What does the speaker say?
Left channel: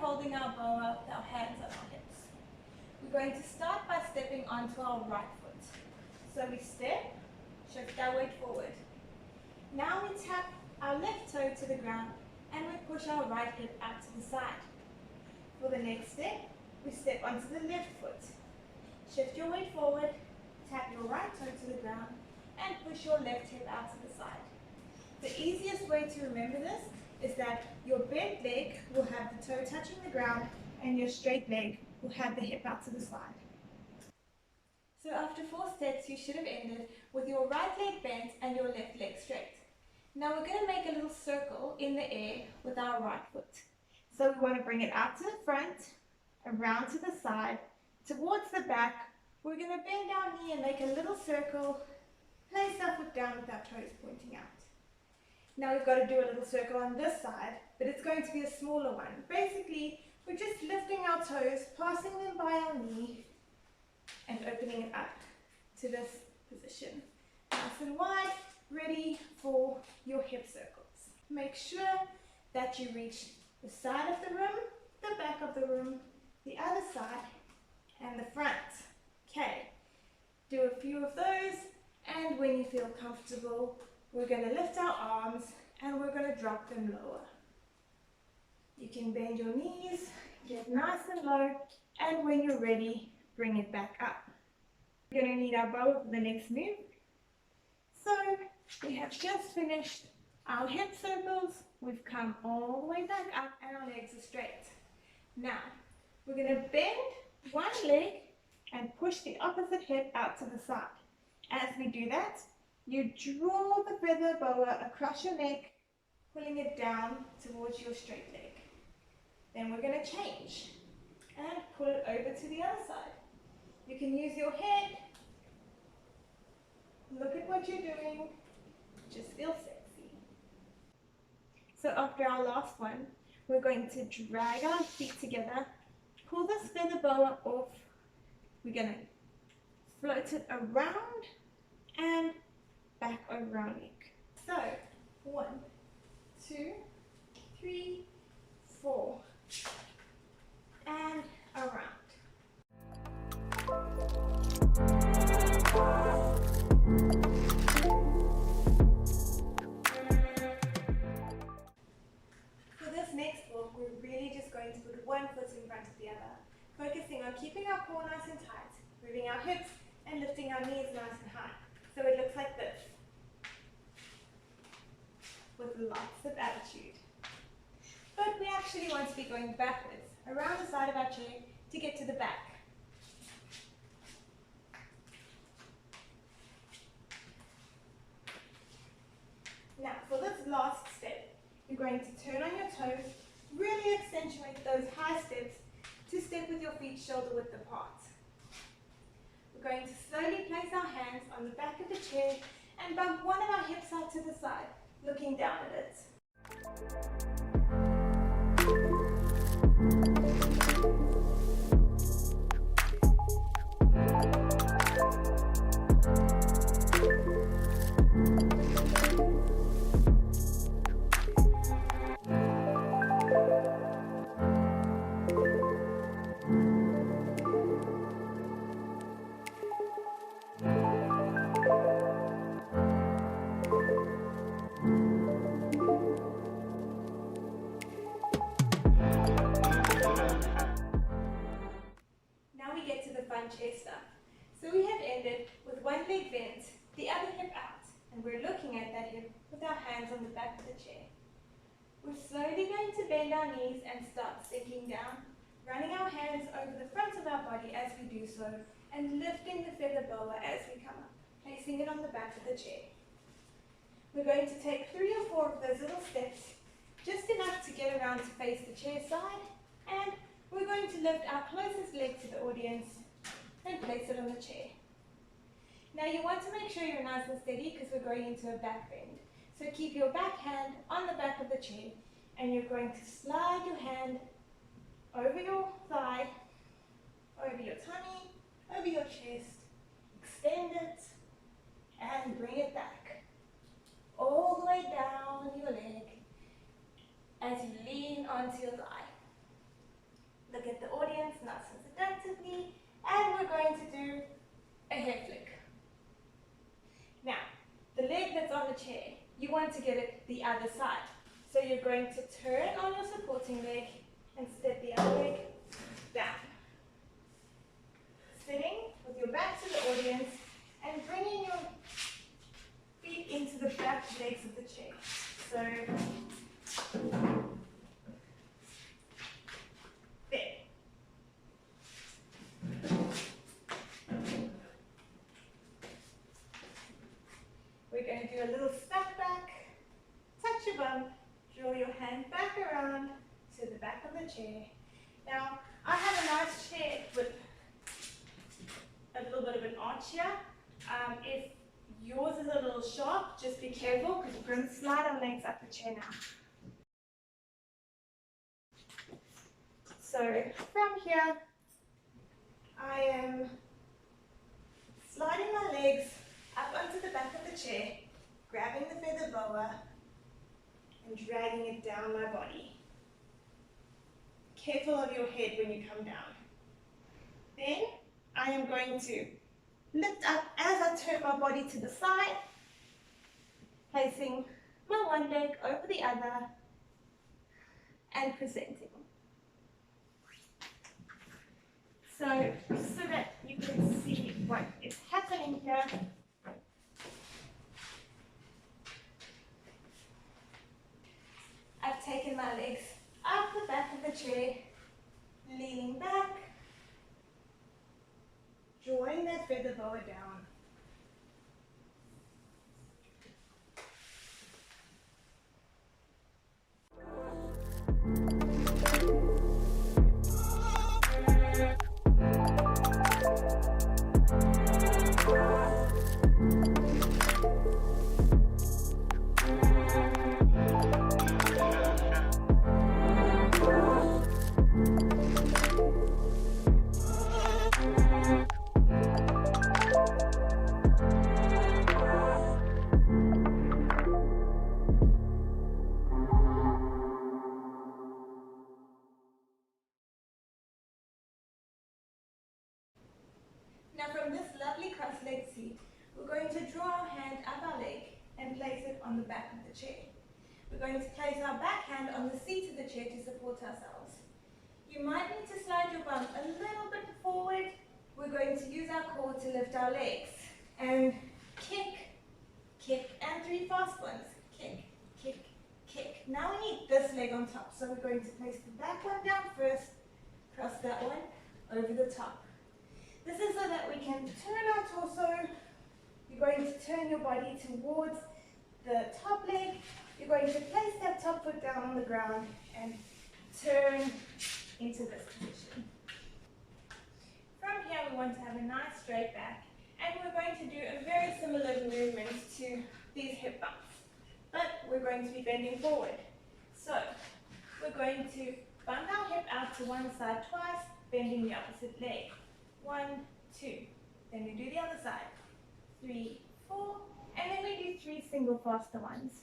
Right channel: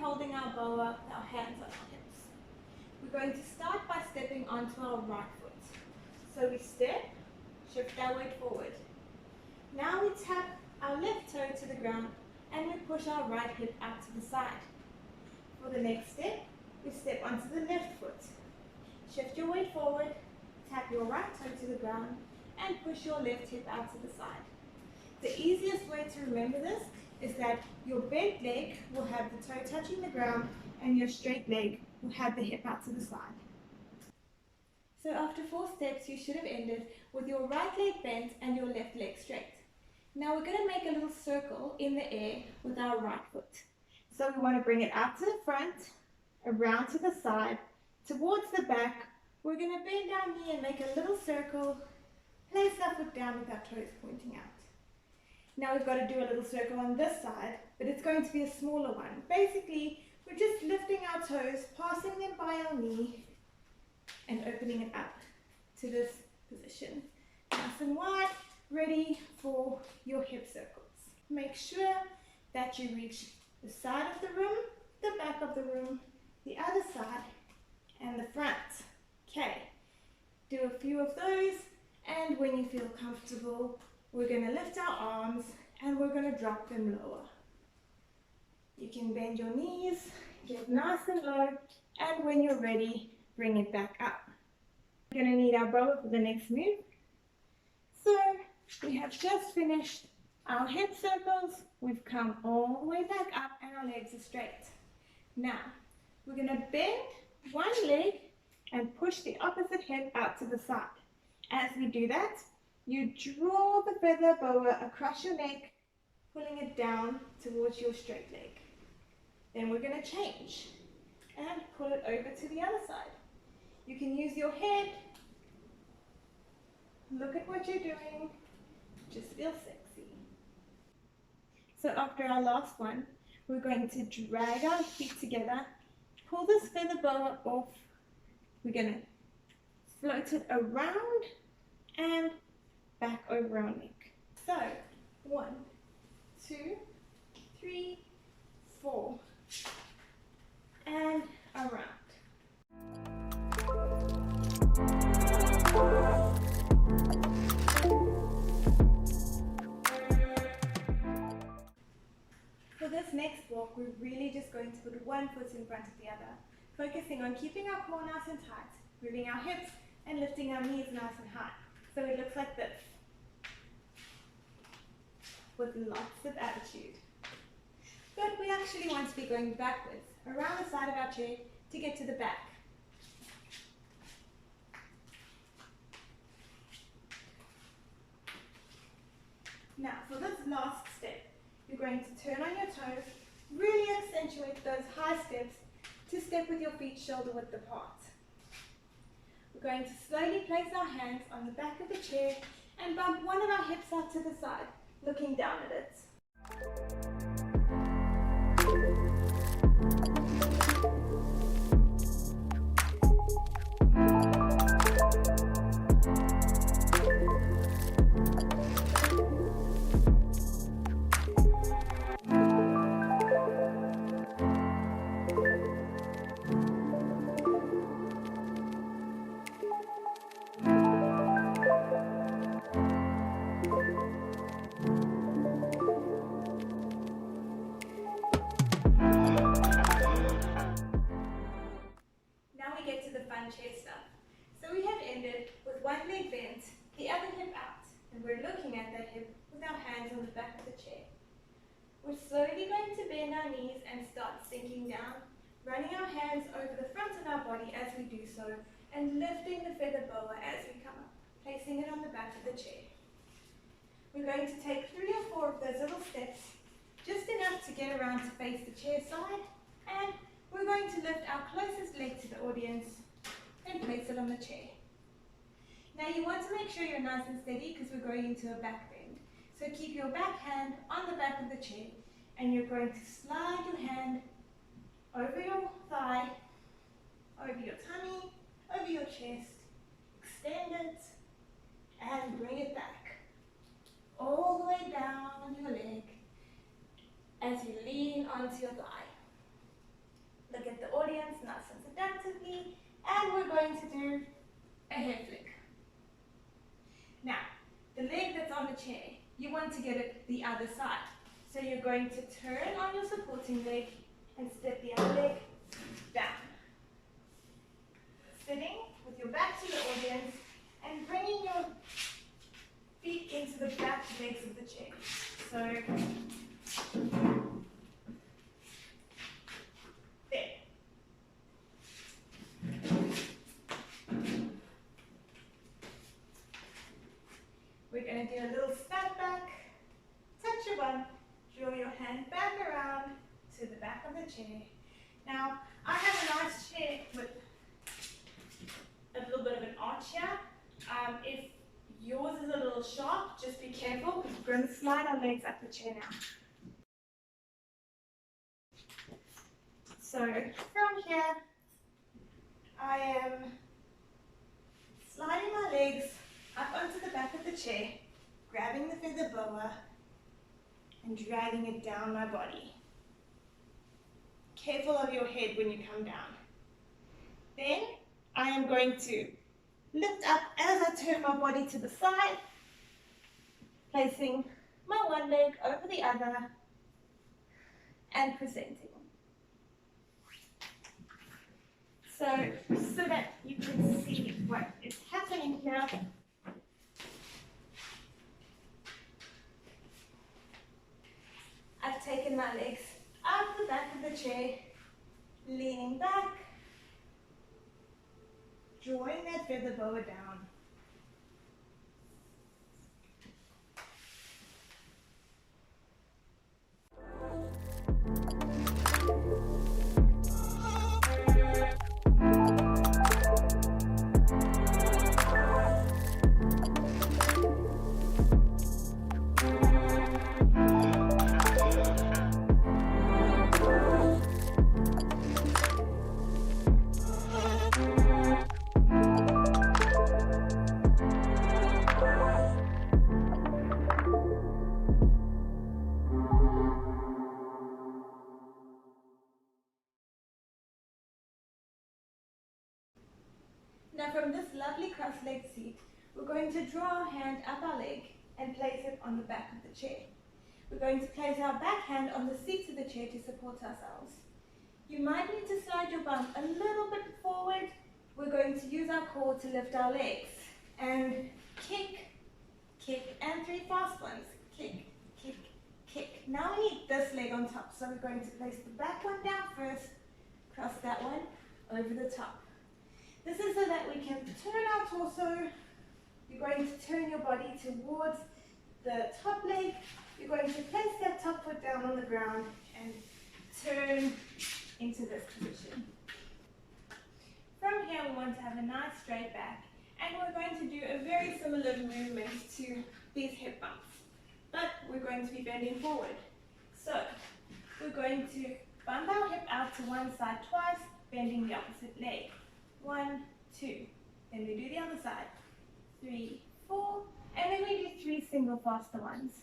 holding our boa with our hands on our hips. We're going to start by stepping onto our right foot. So we step, shift our weight forward. Now we tap our left toe to the ground and we push our right hip out to the side. For the next step, we step onto the left foot. Shift your weight forward, tap your right toe to the ground and push your left hip out to the side. The easiest way to remember this is that your bent leg will have the toe touching the ground and your straight leg will have the hip out to the side. So after 4 steps, you should have ended with your right leg bent and your left leg straight. Now we're going to make a little circle in the air with our right foot. So we want to bring it out to the front, around to the side, towards the back. We're going to bend our knee and make a little circle, place our foot down with our toes pointing out. Now we've got to do a little circle on this side, but it's going to be a smaller one. Basically, we're just lifting our toes, passing them by our knee, and opening it up to this position. Nice and wide, ready for your hip circles. Make sure that you reach the side of the room, the back of the room, the other side, and the front. Okay, do a few of those, and when you feel comfortable, we're going to lift our arms and we're going to drop them lower. You can bend your knees, get nice and low, and when you're ready, bring it back up. We're going to need our boa for the next move. So we have just finished our hip circles. We've come all the way back up and our legs are straight. Now we're going to bend one leg and push the opposite hip out to the side. As we do that, you draw the feather boa across your neck, pulling it down towards your straight leg. Then we're going to change and pull it over to the other side. You can use your head. Look at what you're doing. Just feel sexy. So after our last one, we're going to drag our feet together, pull this feather boa off. We're going to float it around and back over our neck. So 1, 2, 3, 4, and around. For this next walk, we're really just going to put one foot in front of the other, focusing on keeping our core nice and tight, moving our hips and lifting our knees nice and high. So it looks like this, with lots of attitude. But we actually want to be going backwards, around the side of our chair to get to the back. Now for this last step, you're going to turn on your toes, really accentuate those high steps to step with your feet shoulder width apart. We're going to slowly place our hands on the back of the chair and bump one of our hips out to the side, looking down at it. Chair stuff. So we have ended with one leg bent, the other hip out, and we're looking at that hip with our hands on the back of the chair. We're slowly going to bend our knees and start sinking down, running our hands over the front of our body as we do so, and lifting the feather boa as we come up, placing it on the back of the chair. We're going to take 3 or 4 of those little steps, just enough to get around to face the chair side, and we're going to lift our closest leg to the audience and place it on the chair. Now you want to make sure you're nice and steady because we're going into a back bend. So keep your back hand on the back of the chair and you're going to slide your hand over your thigh, over your tummy, over your chest, extend it and bring it back. All the way down your leg as you lean onto your thigh. leg that's on the chair, you want to get it the other side. So you're going to turn on your supporting leg and step the other leg down. Sitting with your back to the audience and bringing your feet into the back legs of the chair. So, there. We're going to do a little step back, touch your bum, draw your hand back around to the back of the chair. Now, I have a nice chair with a little bit of an arch here. If yours is a little sharp, just be careful because we're going to slide our legs up the chair now. So from here, I am sliding my legs up onto the back of the chair, grabbing the feather boa and dragging it down my body. Careful of your head when you come down. Then I am going to lift up as I turn my body to the side, placing my one leg over the other and presenting. So that you can see what is happening here, I've taken my legs up the back of the chair, leaning back, drawing that feather boa down. Now from this lovely cross-legged seat, we're going to draw our hand up our leg and place it on the back of the chair. We're going to place our back hand on the seat of the chair to support ourselves. You might need to slide your bum a little bit forward. We're going to use our core to lift our legs. And kick, kick, and 3 fast ones. Kick, kick, kick. Now we need this leg on top, so we're going to place the back one down first, cross that one over the top. This is so that we can turn our torso. You're going to turn your body towards the top leg. You're going to place that top foot down on the ground and turn into this position. From here, we want to have a nice straight back, and we're going to do a very similar movement to these hip bumps, but we're going to be bending forward. So we're going to bump our hip out to one side twice, bending the opposite leg. 1, 2. Then we do the other side. 3, 4, and then we do 3 single faster ones.